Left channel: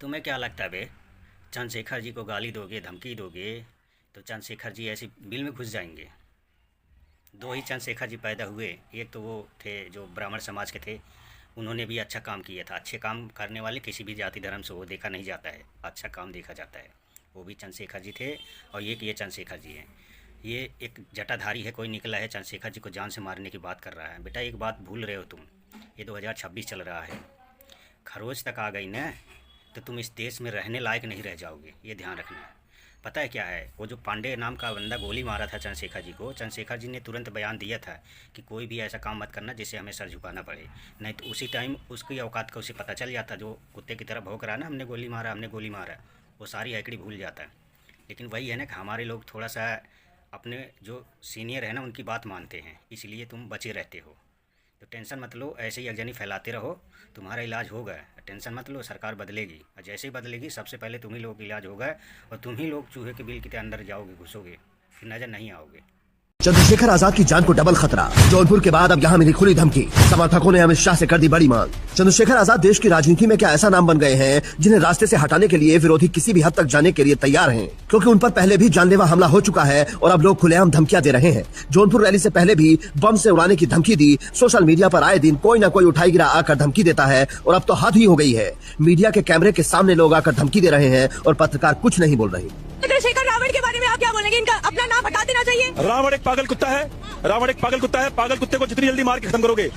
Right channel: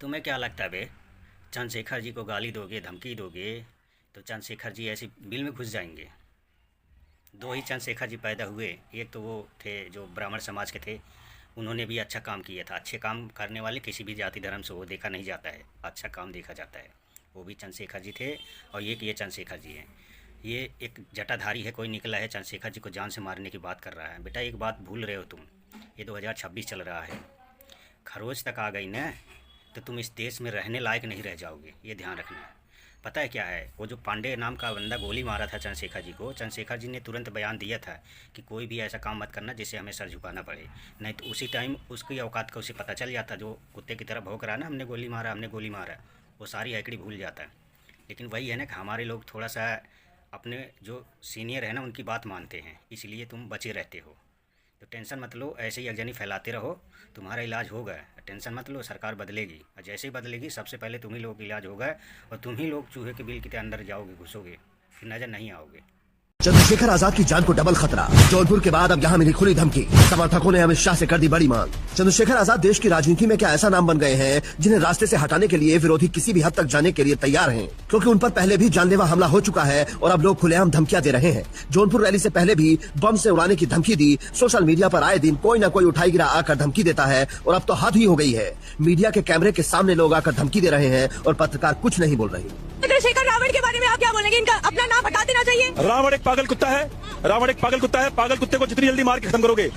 तुम्हें क्या लगता है बे? चंद्रशेखर जी को गाली दोगे, धमकी दोगे तो चंद्रशेखर जी ऐसी बिल में घुस जाएंगे। दो ही चंद्रशेखर जी पैदा हुए। एक तो वो थे जो ब्राह्मण समाज के थे, उन्होंने भी अच्छा काम किया था। अच्छे काम करने वाले किसी भी जाति धर्म से वो देखा नहीं जाता है, अच्छा काम देखा जाता है। वो भी चंद्रशेखर जी थे और ये चंद्रशेखर जी हैं। ये एक जटाधारी है, कोई निकला है चंद्रशेखर जी को जान से मारने की बात कर रहा है। बेटा एक बात भूल रहे हो तुम, ये 2026 चल रहा है, खरोच तक आ गई ना तो तुम इस देश में रहने लायक नहीं रह जाओगे, ये ध्यान रखना। पता है क्या है, वो जो पांडे नाम का बंदा गोली मारा था चंद्रशेखर जी को, चंद्रशेखर जी ने तुरंत बयान दिया था कि कोई भी ऐसा काम मत करना जिससे हमें सर झुकाना पड़े, नहीं तो उसी टाइम उसकी औकात का उसे पता चल जाता। जो कुत्ते की तरह भौंक रहा ना, हमने गोली मारा हमने गोली मारा, वो सारी हैकड़ी भूल जाता है। लेकिन वही है ना कि हमारे लोग थोड़ा सा अपने जो सीनियर है ना उनकी बात मानते हैं, इसलिए तुम बचे रहते हो। तो टेंशन मत लो, ऐसे ही अगजनी फैलाते रहो, तुम्हारा इलाज होगा। टेंशन मत लो, सरकार बदलेगी और जैसे ही बदलेगी सबसे पहले तुम ही लोग इलाज होगा और तुम ही लोग चूहे के बिल के अंदर जाओगे, घुसोगे, फिर नज़र नहीं आओगे। चंद्रशेखर आजाद की जान को डबल खतरा, जौनपुर के बाद अब यहाँ मिली खुली धमकी। समर्थकों ने अमित शाह से कर दी बड़ी मांग। चंद्रशेखर आजाद देश की राजनीति में क्या ऐसा नाम बन गए हैं जिन्हें रास्ते से हटाने के लिए विरोधी किसी भी हद तक जाने के लिए तैयार हैं, क्योंकि उन पर पहले भी जानलेवा हमला हो चुका है और अब लोग खुलेआम धमकियां दे रहे हैं। जौनपुर रैली से पहले भी बम से उड़ाने की धमकी दी। सोशल मीडिया पर आए दिन कोई न कोई उठाई गिरा आकर धमकी देता है और अब तो हद ही हो गई है। मीडिया के कैमरे के सामने लोग आकर धमकी दे रहे हैं और पत्रकार कुछ नहीं बोल रहे। चंद्रशेखर रावण के बारे में आप क्या बोलेंगे? इनका अपना नाम हटा देना चाहिए। रावण एक पागल कुत्ता है, रावण एक पागल कुत्ता है। पागल कुत्ते को जितनी जल्दी मार के खत्म करोगे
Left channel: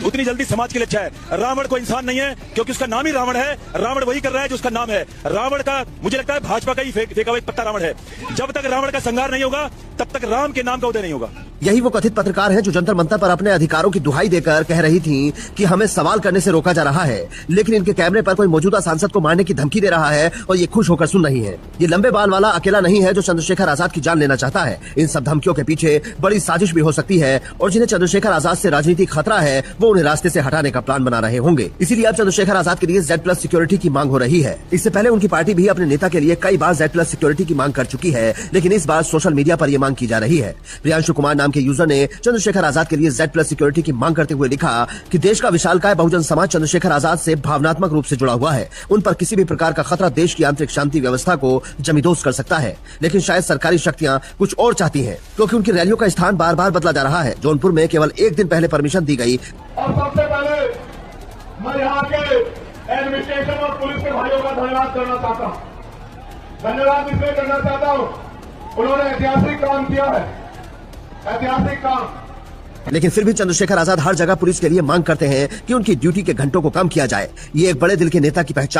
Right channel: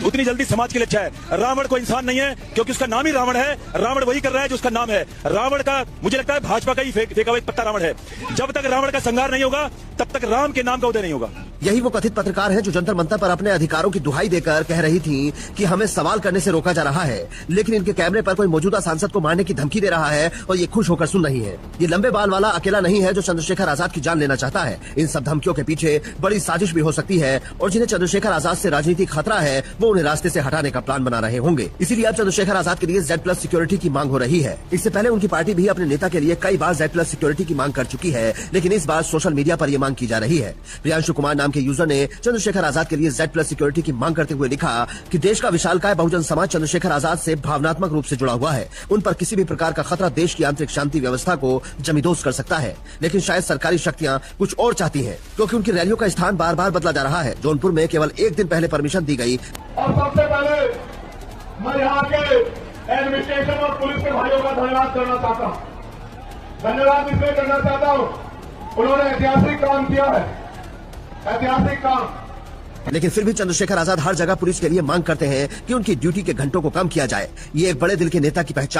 उतनी जल्दी समाज के लिए अच्छा है। रावण को इंसान नहीं है, क्योंकि उसका नाम ही रावण है। रावण वही कर रहा है जो उसका नाम है। रावण का मुझे लगता है भाजपा का ही फेंका हुआ एक पत्ता रावण है। जब तक रावण का संहार नहीं होगा तब तक राम के नाम का उदय नहीं होगा। यही वो कथित पत्रकार हैं जो जंतर मंतर पर अपने अधिकारों की दुहाई देकर कह रही थी कि हमें सवाल करने से रोका जा रहा है, लेकिन इनके कैमरे पर कोई मौजूदा सांसद को मारने की धमकी दे रहा है और ये खुश होकर सुन रही है। ये लंबे बाल वाला अकेला नहीं है जो चंद्रशेखर आजाद की जान लेना चाहता है। इन सब धमकियों के पीछे बड़ी साजिश भी हो सकती है और जिन्हें चंद्रशेखर आजाद से राजनीतिक खतरा है वो उन्हें रास्ते से हटाने का प्लान बना रहे होंगे। इसीलिए अब चंद्रशेखर आजाद के लिए Z+ सिक्योरिटी की मांग हो रही है। इससे पहले उनकी पार्टी भी अपने नेता के लिए कई बार Z+ सिक्योरिटी की मांग कर चुकी है, लेकिन इस बार सोशल मीडिया पर यह मांग की जा रही है। प्रियांशु कुमार नाम के यूजर ने चंद्रशेखर आजाद के लिए Z+ सिक्योरिटी की मांग करते हुए लिखा कि देश का विशालकाय बहुजन समाज चंद्रशेखर आजाद से भावनात्मक रूप से जुड़ा हुआ है। उन पर किसी भी प्रकार का खतरा देश की आंतरिक शांति व्यवस्था को जमींदोज कर सकता है, लेकिन शायद सरकारी शक्तियां कुछ और चाहती हैं, क्योंकि उनकी रैलियों का स्थान बार बार बदला जा रहा है। जौनपुर में केवल एक दिन पहले परमिशन दी गई। और सबसे पहले मैं यहाँ के एडमिनिस्ट्रेशन और पुलिस के भाइयों का धन्यवाद करना चाहता हूँ। धन्यवाद इसलिए करना चाहता हूँ, उन्होंने ऐतिहासिक काम किया है, ऐतिहासिक काम। लेकिन फिर भी चंद्रशेखर आजाद हर जगह पुलिस के लिए मांग करते हैं कि उनकी ड्यूटी के घंटों को कम किया जाए। ये एक बड़े दिल के नेता की पहचान